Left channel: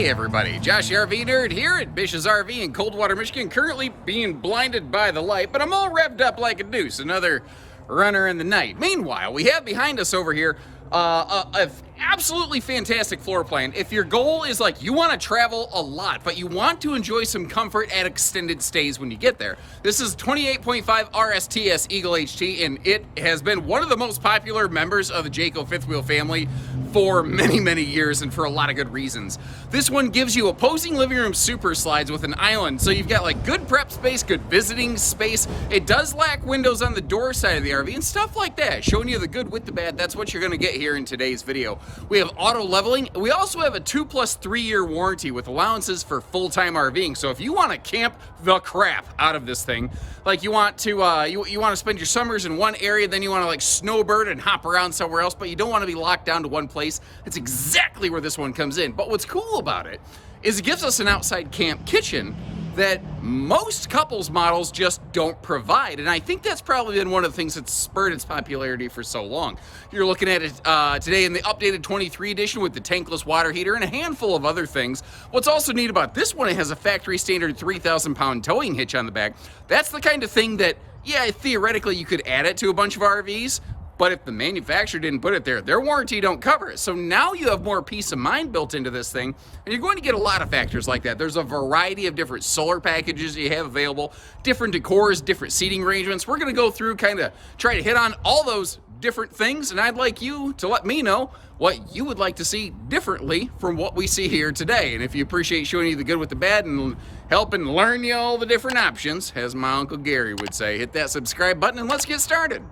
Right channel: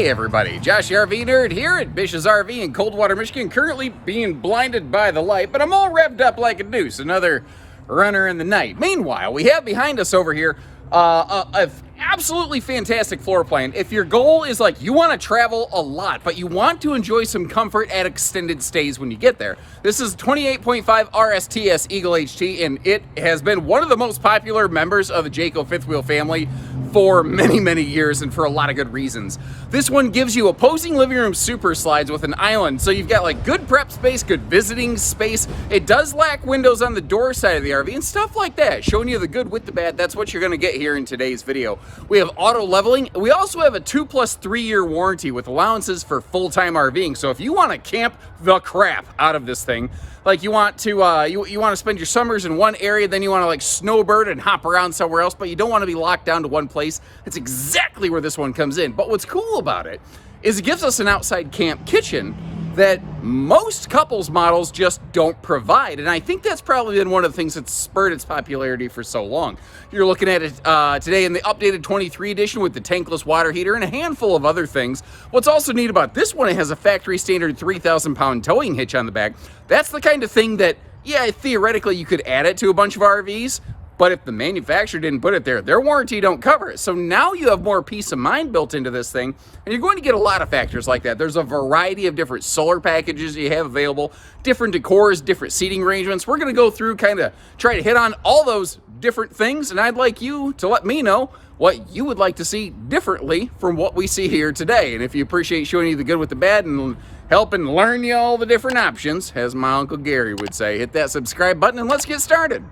Hey everybody, Josh the RV Nerd here at Bish's RV in Coldwater, Michigan, currently being blinded by the light, but I'm all revved up like a deuce, another runner in the night. Meanwhile, we have behind us over here a absolutely fantastic floor plan. If your goal is like you want to travel a lot, but you want to enjoy some comfort at extended stays when you get there, this is 28.5 RSTS Eagle HT, and it has been one of the most popular members of the Jayco fifth wheel family for many years, and for a lot of good reasons. This one gives you opposing living room super slides with an island, so you've got like good prep space, good visiting space. It does lack windows on the door side of the RV and stuff like that, showing you the good with the bad. That's what you're gonna get here in today's video. We have auto leveling. We also have a 2+3 year warranty with allowances for full-time RVing. So if you wanna camp the crap out of this thing, like you want to you want to spend your summers in one area, then you want to like snowbird and hop around somewhere else, but you don't want to be locked down to one place, that's exactly where this one comes in. But what's cool about it is it gives us an outside camp kitchen that most couples models just don't provide. And I think that's probably been one of the things that's spurred its popularity for so long. You're looking at it today in the updated 23 edition with the tankless water heater and a handful of other things. What's also neat about this one, it has a factory standard 3,000 pound towing hitch on the back. That's the kind of thing that, yeah, theoretically you could add it to a bunch of RVs, but if the manufacturer didn't put it there, their warranty don't cover it. So now you have more peace of mind built into this thing, and you're going to get a lot of factors like that. There's a variety of different solar packages you have available, different decors, different seating arrangements. We're gonna go through, kind of try to hit on all those different things, and I'd like you to let me know what you would like to see differently from what we see here today. And if you appreciate showing you the good with the bad and helping learn you all the different options, as my Uncle Gary would say, hit that subscribe button and let's get started.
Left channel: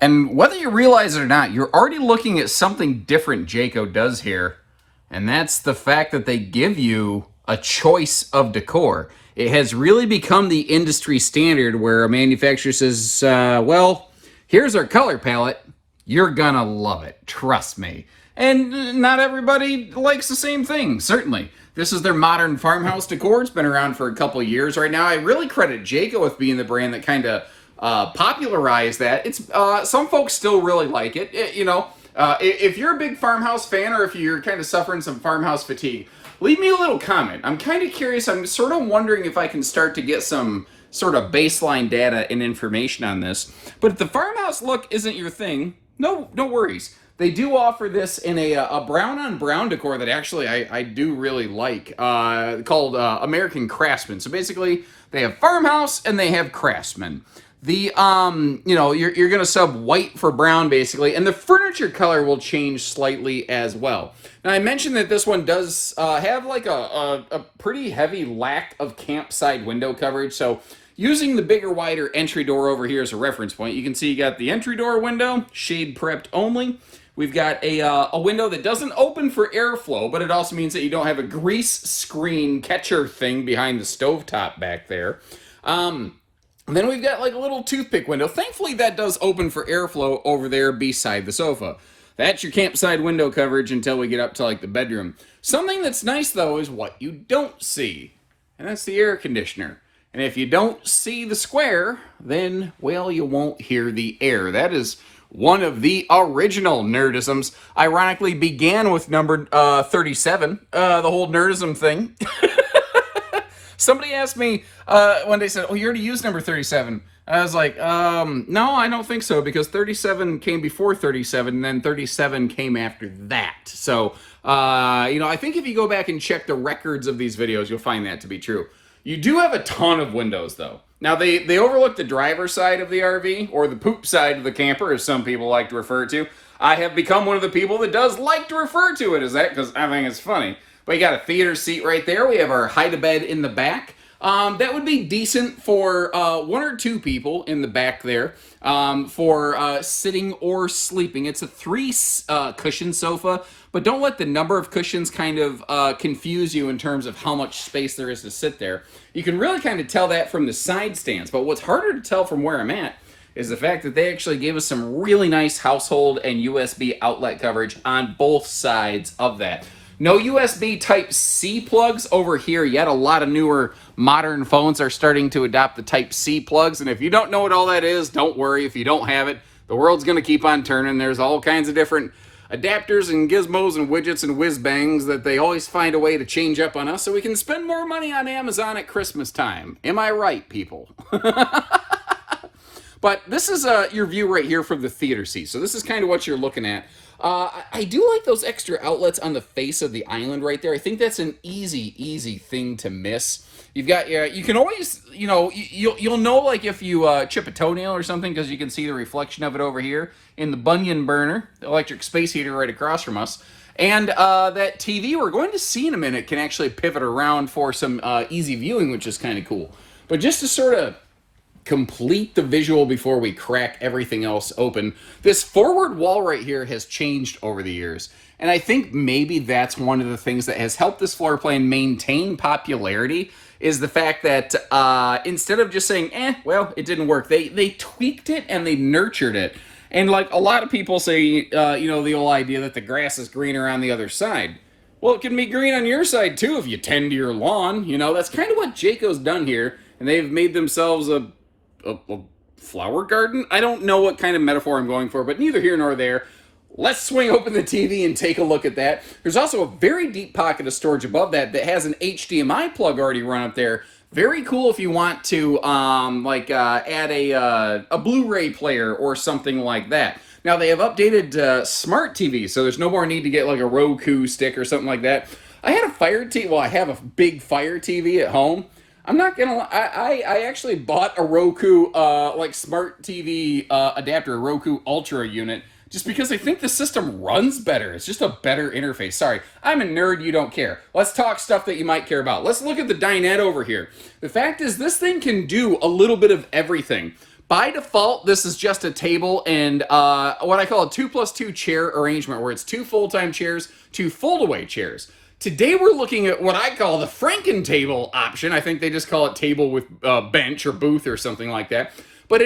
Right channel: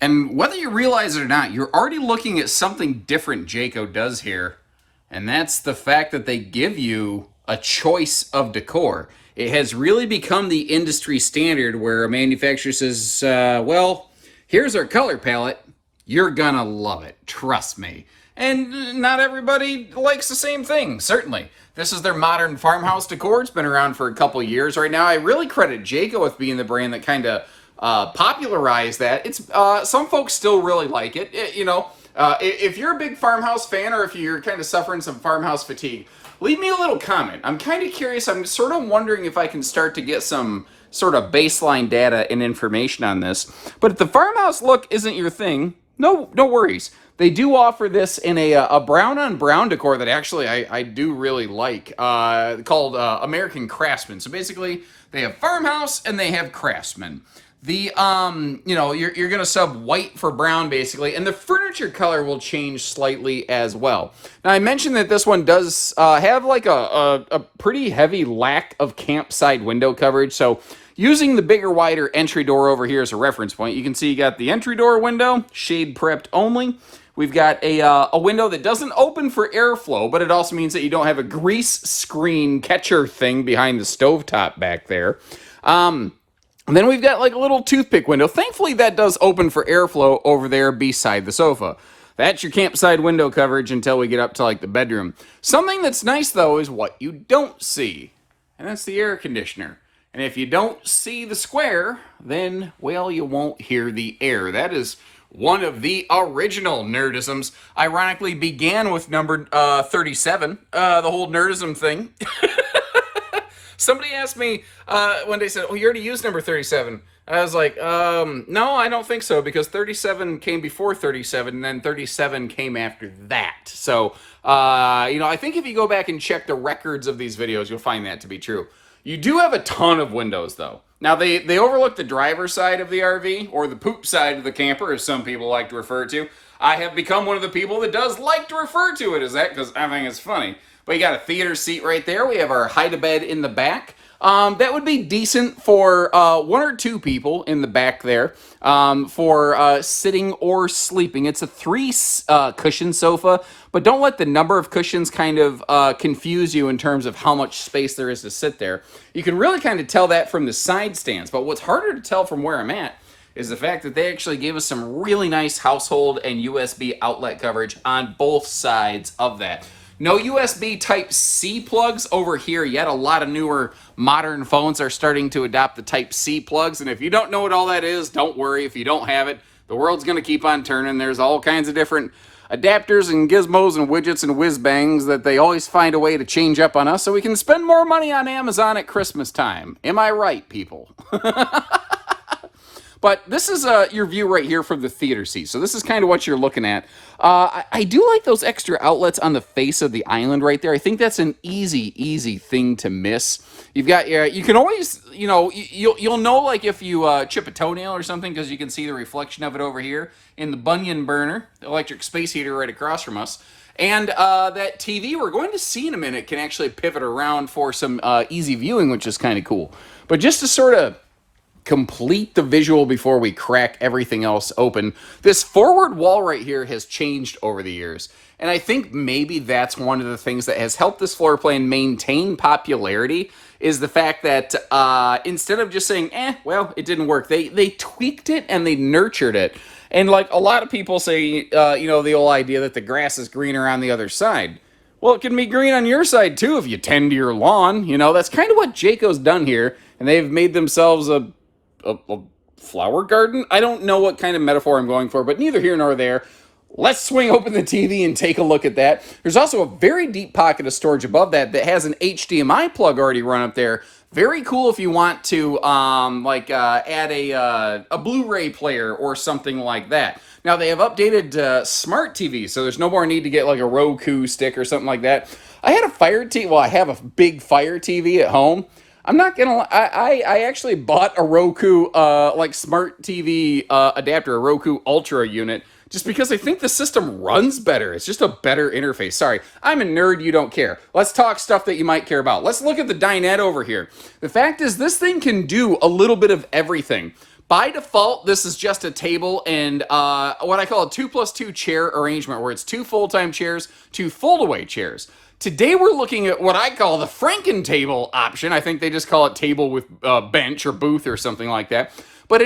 And whether you realize it or not, you're already looking at something different Jayco does here, and that's the fact that they give you a choice of decor. It has really become the industry standard where a manufacturer says, well, here's our color palette. You're gonna love it, trust me. And not everybody likes the same thing, certainly. This is their modern farmhouse decor. It's been around for a couple of years right now. I really credit Jayco with being the brand that kind of popularized that. It's some folks still really like it. If you're a big farmhouse fan, or if you're kind of suffering some farmhouse fatigue, leave me a little comment. I'm kind of curious. I'm sort of wondering if I can start to get some sort of baseline data and information on this. But if the farmhouse look isn't your thing, no worries. They do offer this in a brown on brown decor that actually I do really like, called American Craftsman. So basically they have farmhouse and they have craftsman. The you're gonna sub white for brown basically, and the furniture color will change slightly as well. Now I mentioned that this one does have like a pretty heavy lack of campside window coverage. So using the bigger, wider entry door over here as a reference point, you can see you got the entry door window, shade prepped only. We've got a window that doesn't open for airflow, but it also means that you don't have a grease screen catcher thing behind the stovetop back there. And then we've got like a little toothpick window. Thankfully, that does open for airflow over there beside the sofa. That's your campside window coverage until we get up to like the bedroom. Something that's nice though is what you don't see, and that's the air conditioner. And if you don't see the square, then, well, you won't hear the air. That is one of the original nerdisms. Ironically, began with number 37, the whole nerdism thing. Somebody asked me one day, said, oh, you already used number 37. I was like, no, I don't think so, because 37 came before 37, and then 37 came after that. So, I think if you go back and check the records of these videos, you'll find that to be true. You do have a ton of windows, though. Now, they overlook the driver's side of the RV, or the poop side of the camper, as some people like to refer to. I have become one of the people that does like to refer to it as that, because I think it's funny. But you got a theater seat right there. We have our hide-a-bed in the back. That would be decent for one or two people in the back there for sitting or sleeping. It's a 3 cushion sofa, but don't let the number of cushions kind of confuse you in terms of how much space there is to sit there. You can really kind of tell that from the side stands, but what's harder to tell from where I'm at is the fact that they actually gave us some really nice household and USB outlet coverage on both sides of that. No USB Type-C plugs over here yet. A lot of newer modern phones are starting to adopt the Type-C plugs, and if you don't know what all that is, don't worry. If you don't have it, the world's going to keep on turning. There's all kinds of different adapters and gizmos and widgets and whiz bangs that they always find a way to change up on us so we can spend more money on Amazon at Christmas time. Am I right, people? But this is your view right here from the theater seat. So this is kind of what you're looking at. I do like those extra outlets on the face of the island right there. I think that's an easy thing to miss. You've got, you can always, you'll know like if you chip a toenail or something because you can see the reflection of it over here in the Bunyan burner, the electric space heater right across from us. And that TV we're going to see in a minute can actually pivot around for some easy viewing, which is kind of cool. But just to sort of complete the visual before we crack everything else open, this forward wall right here has changed over the years. And I think maybe that's one of the things that has helped this floor plan maintain popularity is the fact that instead of just saying, well, it didn't work, they tweaked it and they nurtured it. And like a lot of people say, the old idea that the grass is greener on the other side. Well, it can be green on your side too if you tend to your lawn. That's kind of what Jayco's done here. And they've made themselves a flower garden? I don't know what kind of metaphor I'm going for, but neither here nor there. Let's swing open the TV and take a look at that. There's also a very deep pocket of storage above that has an HDMI plug already run up there. Very cool if you want to add a Blu-ray player or something like that. Now they have updated smart TV, so there's no more need to get like a Roku stick or something like that. I had a Fire TV. Well, I have a big Fire TV at home. I'm not gonna lie, I actually bought a Roku smart TV adapter, a Roku Ultra unit, just because I think the system runs better. It's just a better interface. Sorry, I'm a nerd, you don't care. Let's talk stuff that you might care about. Let's look at the dinette over here. The fact is this thing can do a little bit of everything. By default, this is just a table and what I call a 2+2 chair arrangement, where it's 2 full-time chairs, 2 fold-away chairs. Today we're looking at what I call the Franken table option. I think they just call it table with bench or booth or something like that. But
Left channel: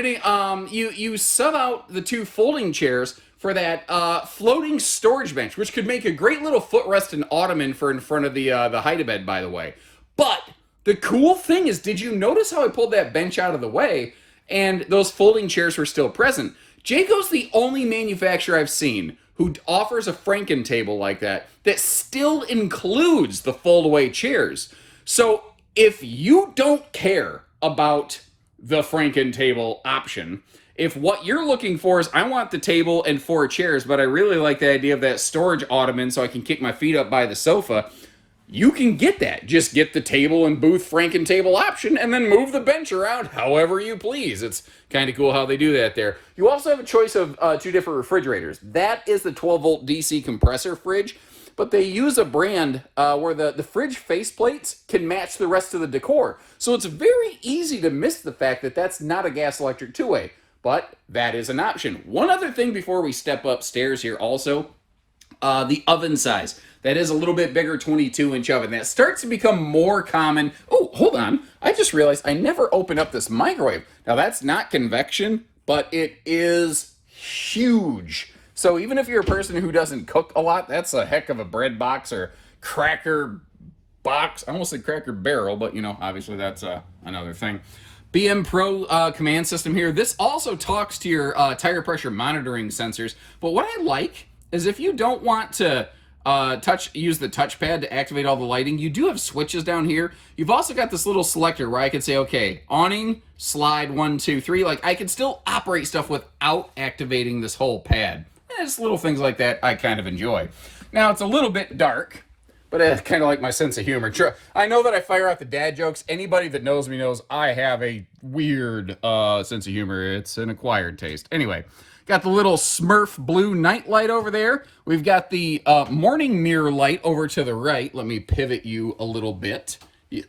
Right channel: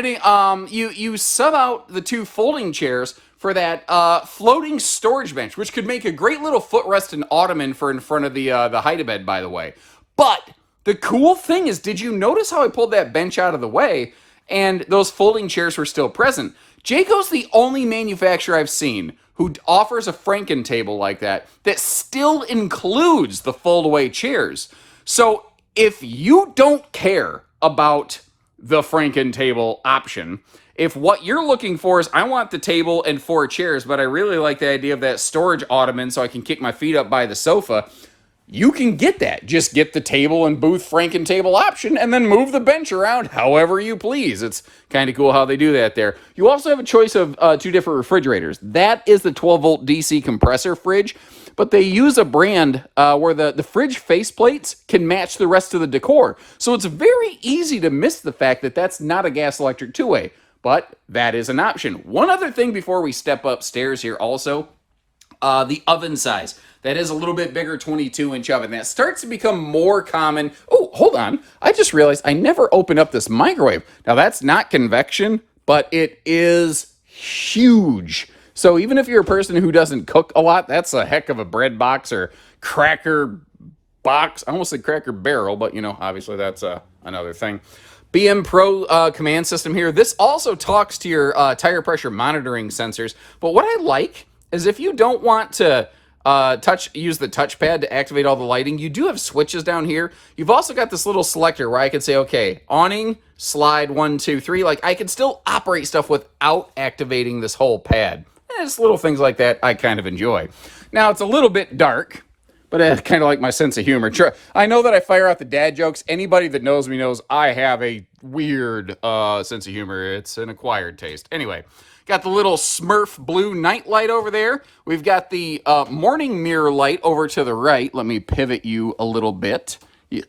you sub out the 2 folding chairs for that floating storage bench, which could make a great little footrest and ottoman for in front of the hide-a-bed, by the way. But the cool thing is, did you notice how I pulled that bench out of the way and those folding chairs were still present? Jayco's the only manufacturer I've seen who offers a Franken table like that still includes the fold-away chairs. So if you don't care about the Franken table option, if what you're looking for is, I want the table and 4 chairs, but I really like the idea of that storage ottoman so I can kick my feet up by the sofa, you can get that. Just get the table and booth Franken table option and then move the bench around however you please. It's kind of cool how they do that there. You also have a choice of 2 different refrigerators. That is the 12-volt DC compressor fridge, but they use a brand where the fridge faceplates can match the rest of the decor. So it's very easy to miss the fact that that's not a gas-electric 2-way, but that is an option. One other thing before we step upstairs here also, the oven size. That is a little bit bigger 22-inch oven. That starts to become more common. Oh, hold on. I just realized I never opened up this microwave. Now, that's not convection, but it is huge. So even if you're a person who doesn't cook a lot, that's a heck of a bread box or cracker box. I almost said cracker barrel, but, obviously that's another thing. BM Pro command system here. This also talks to your tire pressure monitoring sensors. But what I like is if you don't want to use the touchpad to activate all the lighting, you do have switches down here. You've also got this little selector where I can say, okay, awning, slide 1, 2, 3. Like I can still operate stuff without activating this whole pad. And it's little things like that I kind of enjoy. Now it's a little bit dark, but I kind of like my sense of humor. I know that I fire out the dad jokes. Anybody that knows me knows I have a weird sense of humor. It's an acquired taste. Anyway. Got the little Smurf blue night light over there. We've got the morning mirror light over to the right. Let me pivot you a little bit.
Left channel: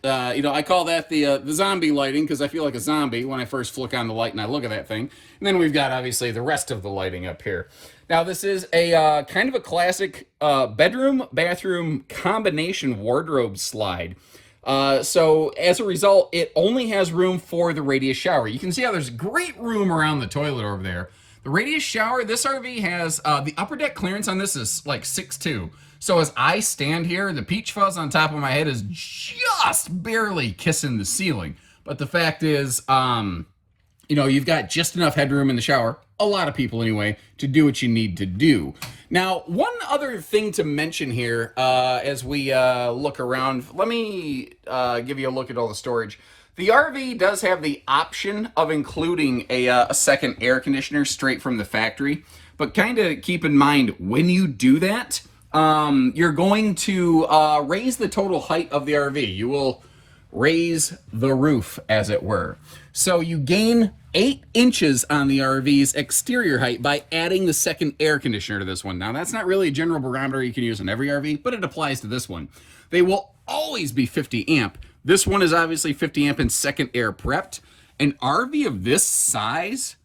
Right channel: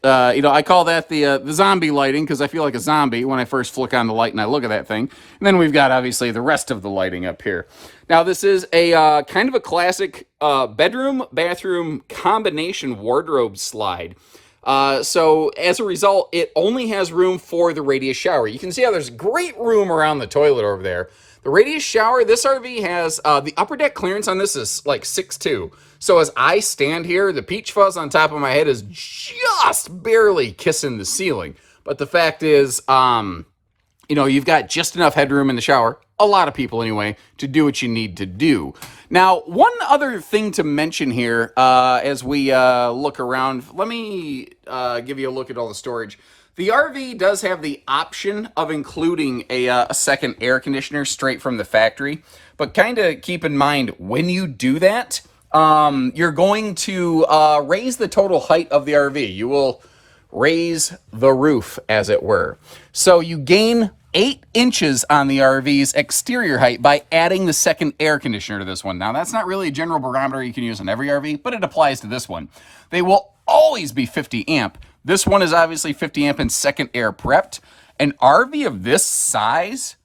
I call that the zombie lighting because I feel like a zombie when I first flick on the light and I look at that thing. And then we've got, obviously, the rest of the lighting up here. Now, this is a kind of a classic bedroom-bathroom combination wardrobe slide. So, as a result, it only has room for the radius shower. You can see how there's great room around the toilet over there. The radius shower, this RV has, the upper deck clearance on this is like 6'2". So as I stand here, the peach fuzz on top of my head is just barely kissing the ceiling. But the fact is, you know, you've got just enough headroom in the shower, a lot of people anyway, to do what you need to do. Now, one other thing to mention here as we look around, let me give you a look at all the storage. The RV does have the option of including a second air conditioner straight from the factory, but kind of keep in mind when you do that, you're going to raise the total height of the RV. You will raise the roof, as it were. So you gain 8 inches on the RV's exterior height by adding the second air conditioner to this one. Now, that's not really a general barometer you can use on every RV, but it applies to this one. They will always be 50 amp. This one is obviously 50 amp and second air prepped. An RV of this size,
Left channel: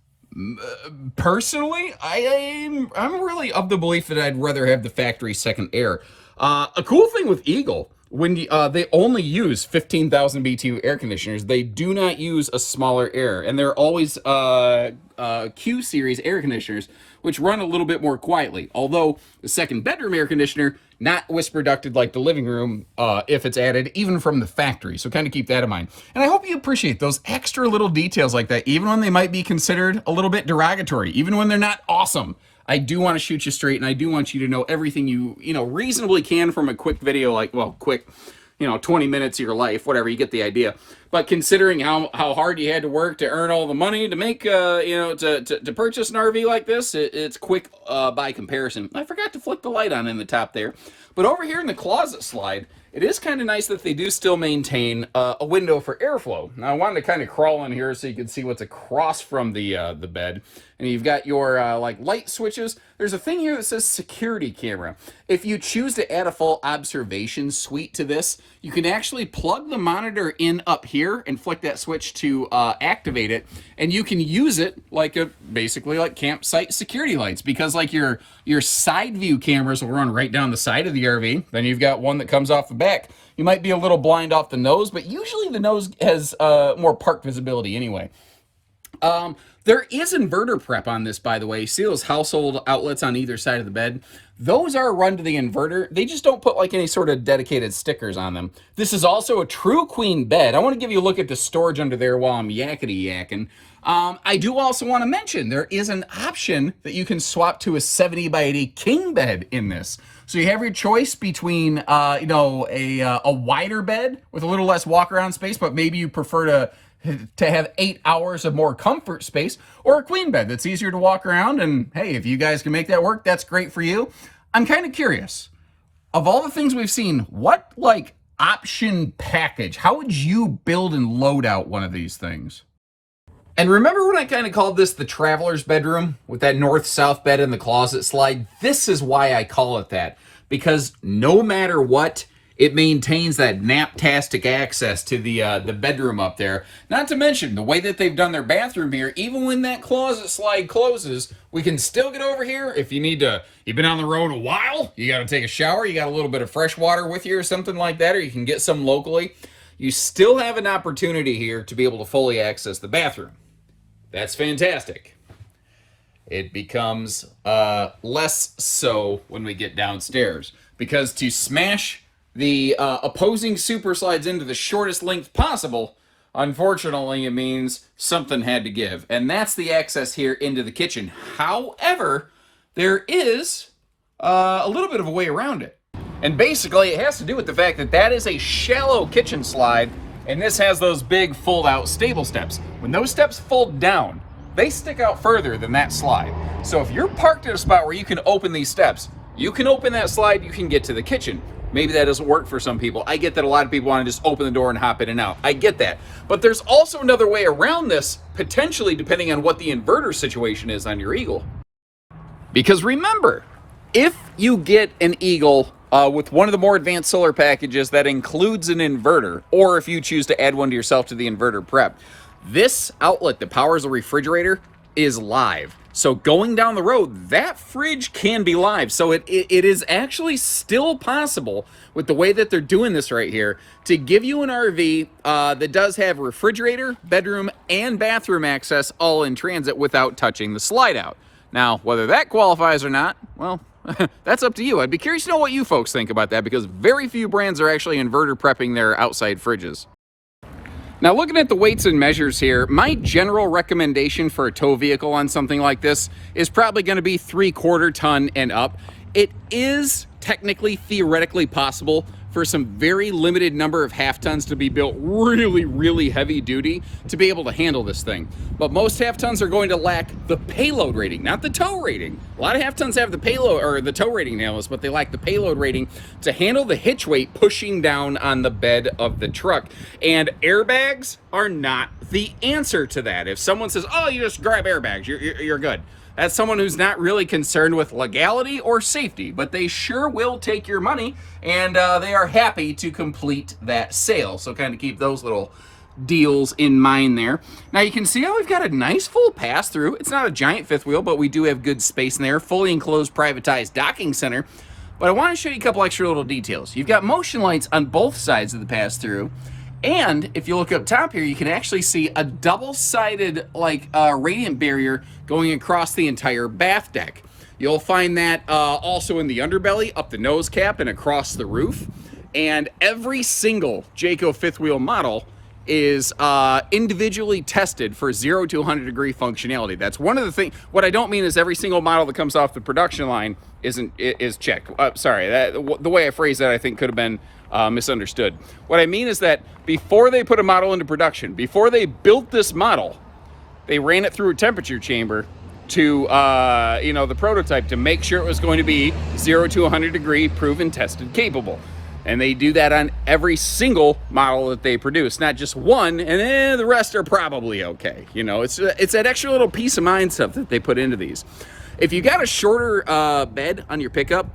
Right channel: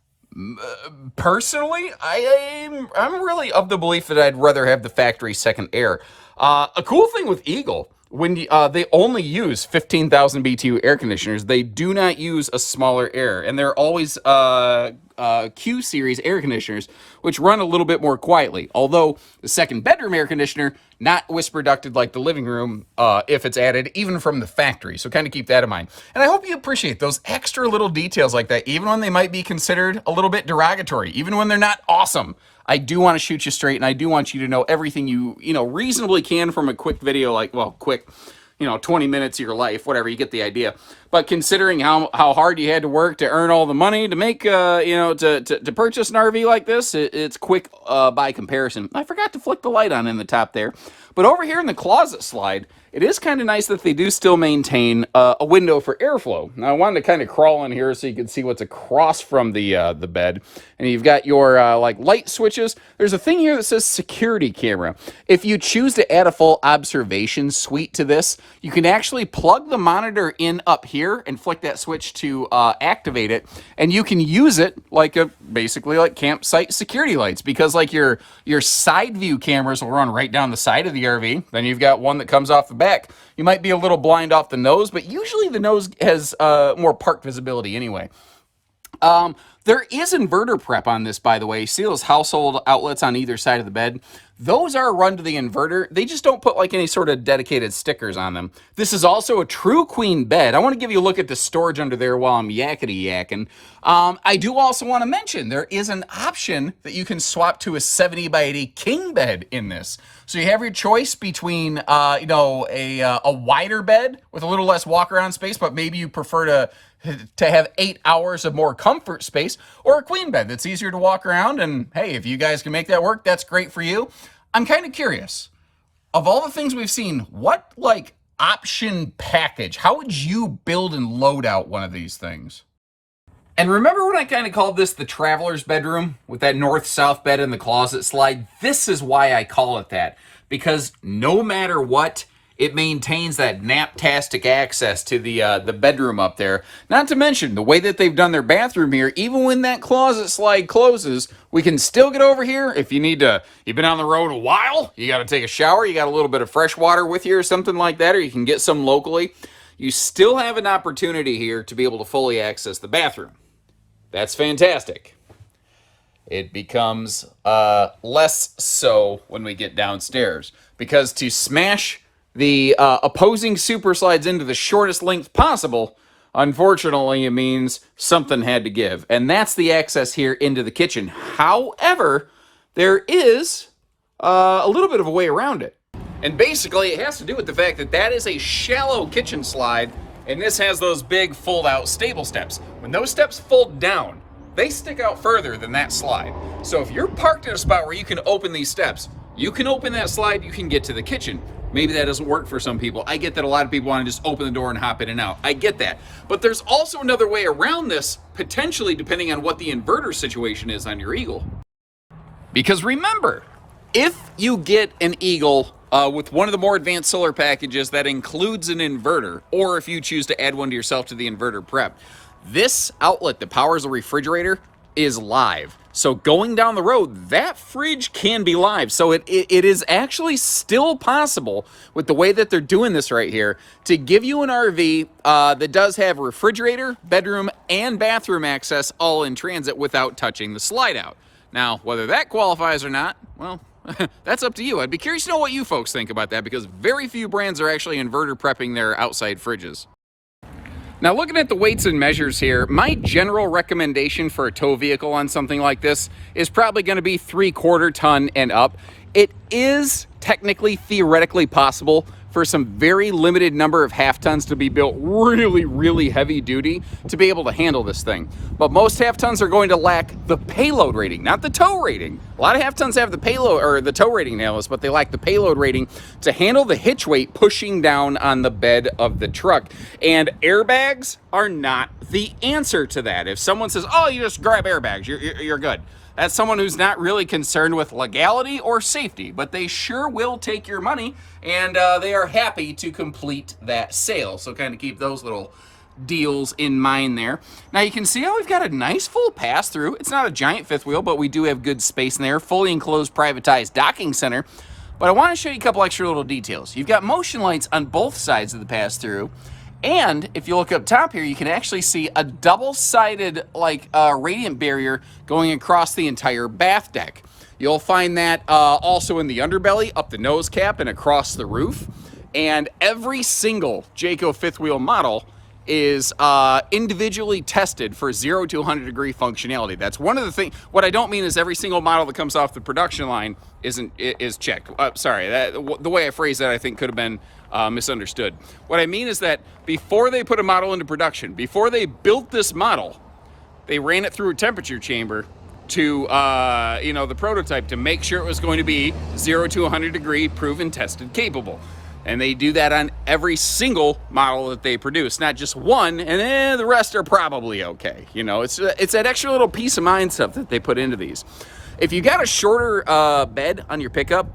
personally, I'm really of the belief that I'd rather have the factory second air. A cool thing with Eagle, when they only use 15,000 BTU air conditioners, they do not use a smaller air, and they're always Q series air conditioners, which run a little bit more quietly. Although the second bedroom air conditioner, not whisper ducted like the living room, if it's added, even from the factory. So kind of keep that in mind. And I hope you appreciate those extra little details like that, even when they might be considered a little bit derogatory, even when they're not awesome. I do want to shoot you straight, and I do want you to know everything you reasonably can from a quick video, like, well, quick, 20 minutes of your life, whatever, you get the idea. But considering how hard you had to work to earn all the money to make, to purchase an RV like this, it's quick by comparison. I forgot to flick the light on in the top there. But over here in the closet slide, it is kind of nice that they do still maintain a window for airflow. Now, I wanted to kind of crawl in here so you can see what's across from the bed. And you've got your like light switches. There's a thing here that says security camera. If you choose to add a full observation suite to this, you can actually plug the monitor in up here and flick that switch to activate it. And you can use it like basically like campsite security lights, because like your side view cameras will run right down the side of the RV. Then you've got one that comes off the back. You might be a little blind off the nose, but usually the nose has more park visibility anyway. There is inverter prep on this, by the way. See those household outlets on either side of the bed? Those are run to the inverter. They just don't put like any sort of dedicated stickers on them. This is also a true queen bed. I want to give you a look at the storage under there while I'm yakking. I do also want to mention there is an option that you can swap to a 70 by 80 king bed in this. So you have your choice between, a wider bed with a little less walk around space, but maybe you prefer to have 8 hours of more comfort space, or a queen bed that's easier to walk around. And hey, if you guys can make that work, that's great for you. I'm kind of curious, of all the things we've seen, what like option package, how would you build and load out one of these things? And remember when I kind of called this the traveler's bedroom with that north-south bed and the closet slide? This is why I call it that, because no matter what, it maintains that naptastic access to the bedroom up there. Not to mention the way that they've done their bathroom here, even when that closet slide closes, we can still get over here if you need to. You've been on the road a while, you got to take a shower, you got a little bit of fresh water with you or something like that, or you can get some locally. You still have an opportunity here to be able to fully access the bathroom. That's fantastic. It becomes less so when we get downstairs, because to smash the opposing super slides into the shortest length possible, unfortunately, it means something had to give. And that's the access here into the kitchen. However, there is a little bit of a way around it. And basically, it has to do with the fact that that is a shallow kitchen slide, and this has those big fold-out stable steps. When those steps fold down, they stick out further than that slide. So if you're parked at a spot where you can open these steps, you can open that slide, you can get to the kitchen. Maybe that doesn't work for some people. I get that a lot of people want to just open the door and hop in and out. I get that. But there's also another way around this, potentially depending on what the inverter situation is on your Eagle. Because remember, if you get an Eagle with one of the more advanced solar packages that includes an inverter, or if you choose to add one to yourself to the inverter prep, this outlet that powers the refrigerator is live. So going down the road, that fridge can be live. So it is actually still possible with the way that they're doing this right here to give you an RV that does have refrigerator, bedroom, and bathroom access all in transit without touching the slide out. Now, whether that qualifies or not, well, that's up to you. I'd be curious to know what you folks think about that, because very few brands are actually inverter prepping their outside fridges. Now, looking at the weights and measures here, my general recommendation for a tow vehicle on something like this is probably going to be 3/4 ton and up. It is technically, theoretically possible for some very limited number of half tons to be built really, really heavy duty to be able to handle this thing. But most half tons are going to lack the payload rating, not the tow rating. A lot of half tons have the payload or the tow rating nails, but they lack the payload rating to handle the hitch weight pushing down on the bed of the truck. And airbags are not the answer to that. If someone says, oh, you just grab airbags, you're good. That's someone who's not really concerned with legality or safety, but they sure will take your money, and they are happy to complete that sale. So kind of keep those little deals in mind there. Now you can see how we've got a nice full pass through. It's not a giant fifth wheel, but we do have good space in there. Fully enclosed privatized docking center. But I want to show you a couple extra little details. You've got motion lights on both sides of the pass through. And if you look up top here, you can actually see a double-sided radiant barrier going across the entire bath deck. You'll find that also in the underbelly, up the nose cap, and across the roof. And every single Jayco fifth wheel model is individually tested for 0 to 100 degree functionality. That's one of the things. What I don't mean is every single model that comes off the production line is checked. Sorry, the way I phrased that I think could have been misunderstood. What I mean is that before they put a model into production, before they built this model, they ran it through a temperature chamber to the prototype to make sure it was going to be 0 to 100 degree proven, tested, capable. And they do that on every single model that they produce, not just one, and the rest are probably okay. You know, it's that extra little peace of mind stuff that they put into these. If you got a shorter bed on your pickup,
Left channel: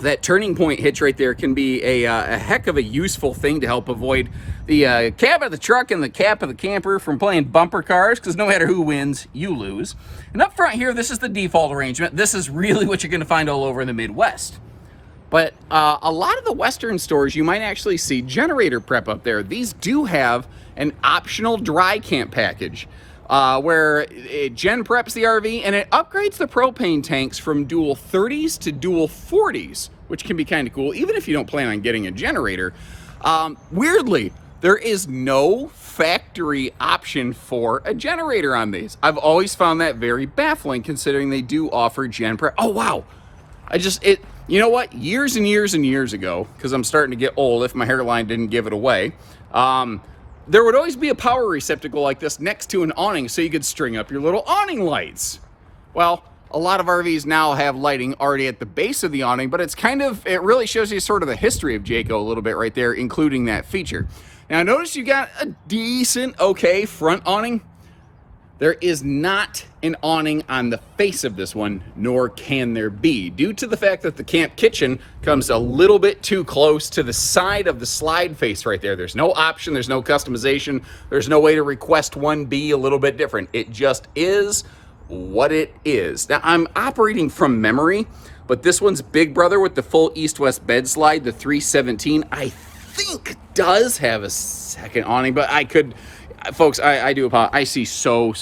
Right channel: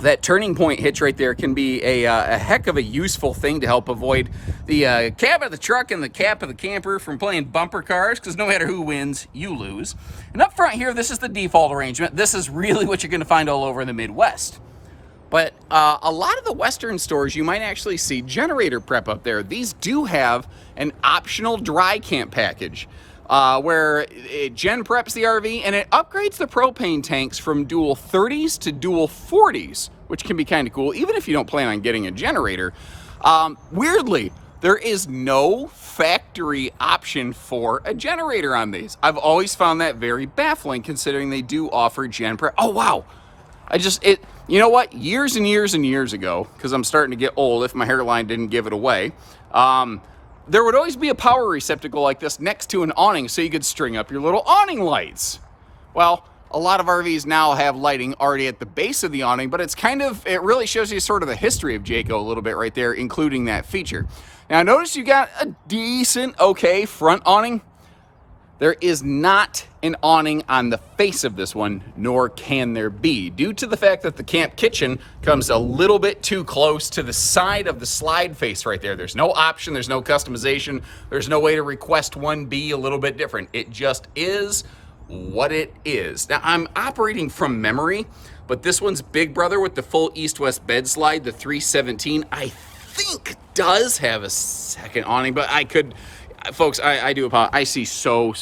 that turning point hitch right there can be a heck of a useful thing to help avoid the cab of the truck and the cap of the camper from playing bumper cars, because no matter who wins, you lose. And up front here, this is the default arrangement. This is really what you're going to find all over in the Midwest. But a lot of the Western stores, you might actually see generator prep up there. These do have an optional dry camp package where it gen preps the RV and it upgrades the propane tanks from dual 30s to dual 40s, which can be kind of cool, even if you don't plan on getting a generator. Weirdly, there is no factory option for a generator on these. I've always found that very baffling, considering they do offer gen prep. Oh, wow. You know what? Years and years and years ago, because I'm starting to get old if my hairline didn't give it away, there would always be a power receptacle like this next to an awning so you could string up your little awning lights. Well, a lot of RVs now have lighting already at the base of the awning, but it really shows you sort of the history of Jayco a little bit right there, including that feature. Now, notice you got a decent, okay front awning. There is not an awning on the face of this one, nor can there be, due to the fact that the camp kitchen comes a little bit too close to the side of the slide face right there. There's no option, there's no customization, there's no way to request one be a little bit different. It just is what it is. Now, I'm operating from memory, but this one's big brother with the full east-west bed slide, the 317, I think does have a second awning, but folks, I do apologize. I see so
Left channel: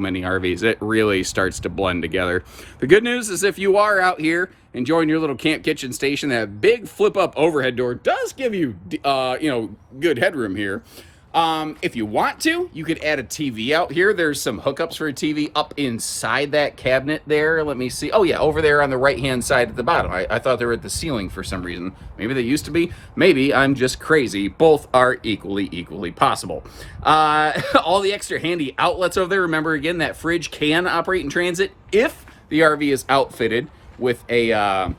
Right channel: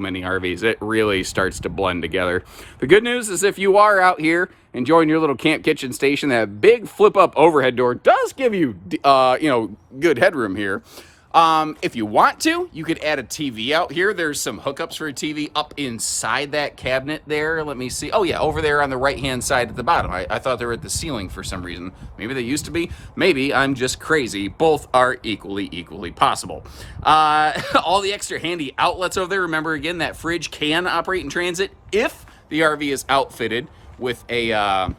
many RVs. It really starts to blend together. The good news is if you are out here enjoying your little camp kitchen station, that big flip-up overhead door does give you, good headroom here. If you want to, you could add a TV out here. There's some hookups for a TV up inside that cabinet there. Let me see. Oh, yeah, over there on the right-hand side at the bottom. I thought they were at the ceiling for some reason. Maybe they used to be. Maybe I'm just crazy. Both are equally possible. All the extra handy outlets over there. Remember, again, that fridge can operate in transit if the RV is outfitted with a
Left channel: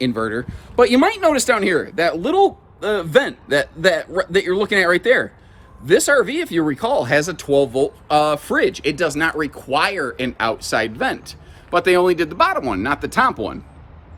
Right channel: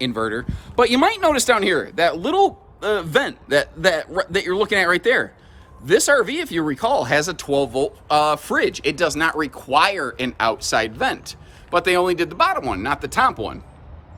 inverter. But you might notice down here, that little vent that you're looking at right there. This RV, if you recall, has a 12-volt fridge. It does not require an outside vent, but they only did the bottom one, not the top one.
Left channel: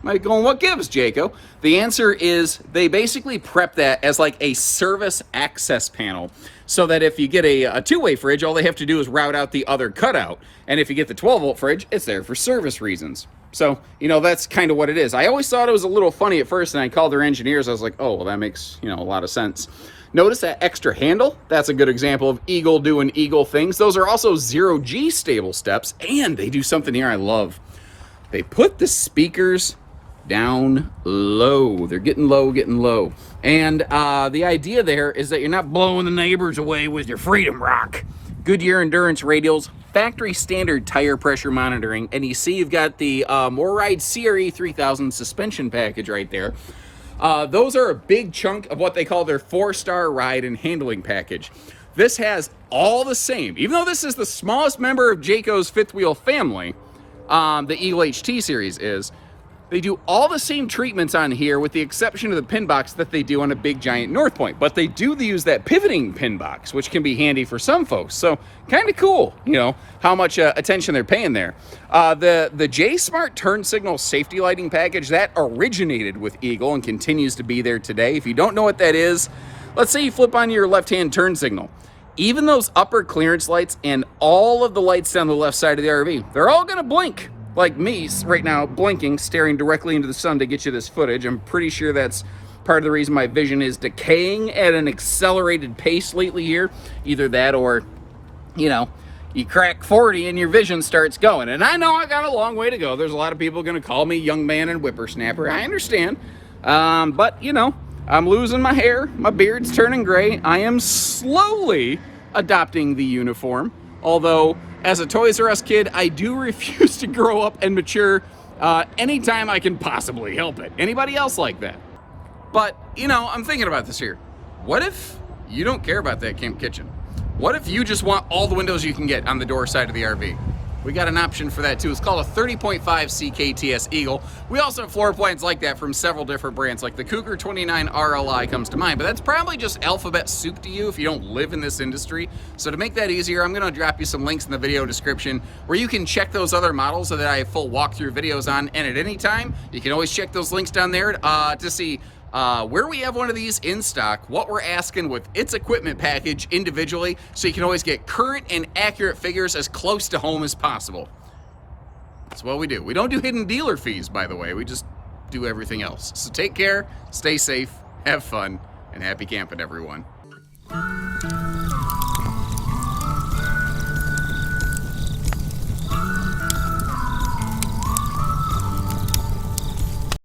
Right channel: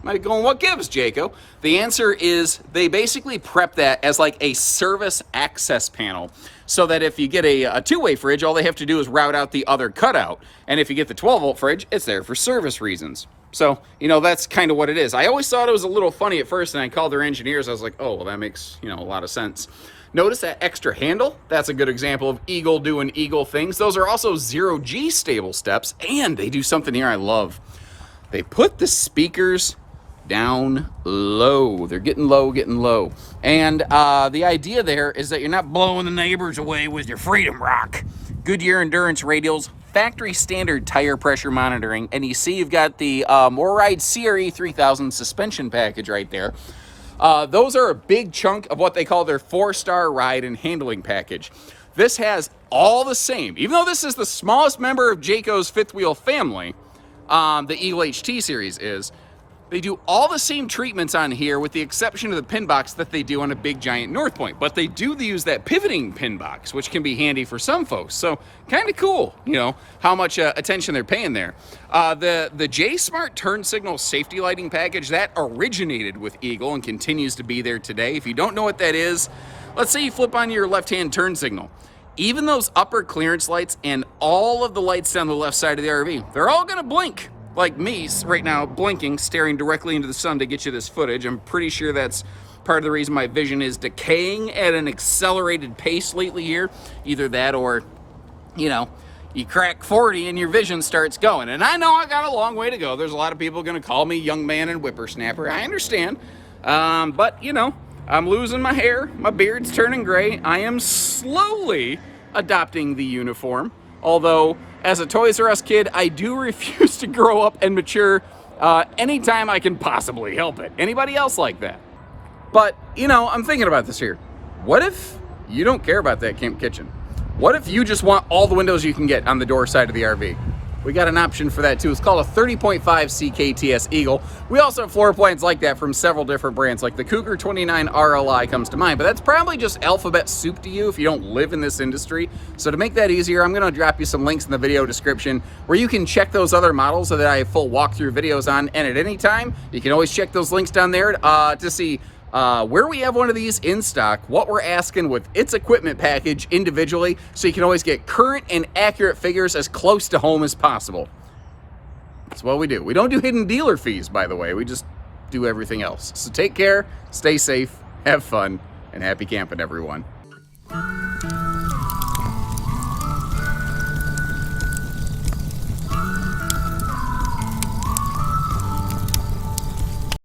Might be going, what gives, Jayco? The answer is they basically prep that as like a service access panel, so that if you get a two-way fridge, all they have to do is route out the other cutout. And if you get the 12-volt fridge, it's there for service reasons. So, that's kind of what it is. I always thought it was a little funny at first, and I called their engineers. I was like, oh, well, that makes, a lot of sense. Notice that extra handle. That's a good example of Eagle doing Eagle things. Those are also 0G stable steps, and they do something here I love. They put the speakers down low. They're getting low, getting low. And the idea there is that you're not blowing the neighbors away with your Freedom Rock. Goodyear Endurance radials, factory standard tire pressure monitoring, and you see you've got the MoreRide CRE 3000 suspension package right there. Those are a big chunk of what they call their 4-star ride and handling package. This has all the same, even though this is the smallest member of Jayco's fifth wheel family, the Eagle HT series is, they do all the same treatments on here with the exception of the pin box that they do on a big giant North Point. But they do use that pivoting pin box, which can be handy for some folks. So kind of cool, you know, how much attention they're paying there. The J-Smart turn signal safety lighting package, that originated with Eagle and continues to be there today. If you don't know what that is, let's say you flip on your left-hand turn signal. Even those upper clearance lights and all of the lights down the left side of the RV, they're all gonna blink. Like me right now, blinking, staring directly into the sun to get you this footage. I'm pretty sure that's part of the reason my vision is decaying at an accelerated pace lately here. Either that or, you know, you crack 40 and your vision starts going. And I know I got a long way to go. There's a lot of people gonna call me young man and whippersnapper. I understand. But, you know, I'm losing my hair. My beard's turning gray. I am slowly adopting the uniform. Although, as a Toys R Us kid, I do refuse to grow up and mature anytime I can possibly help it. Anybody else like that? But, you know, I'm thinking about this here. What if you don't care about that camp kitchen? What if you just want all the windows you can get on the door side of the RV? We got an option for that too. It's called a 30.5 CKTS Eagle. We also have floor plans like that from several different brands, like the Cougar 29 RLI comes to mind, but that's probably just alphabet soup to you if you don't live in this industry. So to make that easier, I'm gonna drop you some links in the video description where you can check those other models that I have full walkthrough videos on, and at any time, you can always check those links down there to see where we have one of these in stock, what we're asking with its equipment package individually, so you can always get current and accurate figures as close to home as possible. That's what we do. We don't do hidden dealer fees, by the way. We just do everything else. So take care, stay safe, have fun, and happy camping, everyone.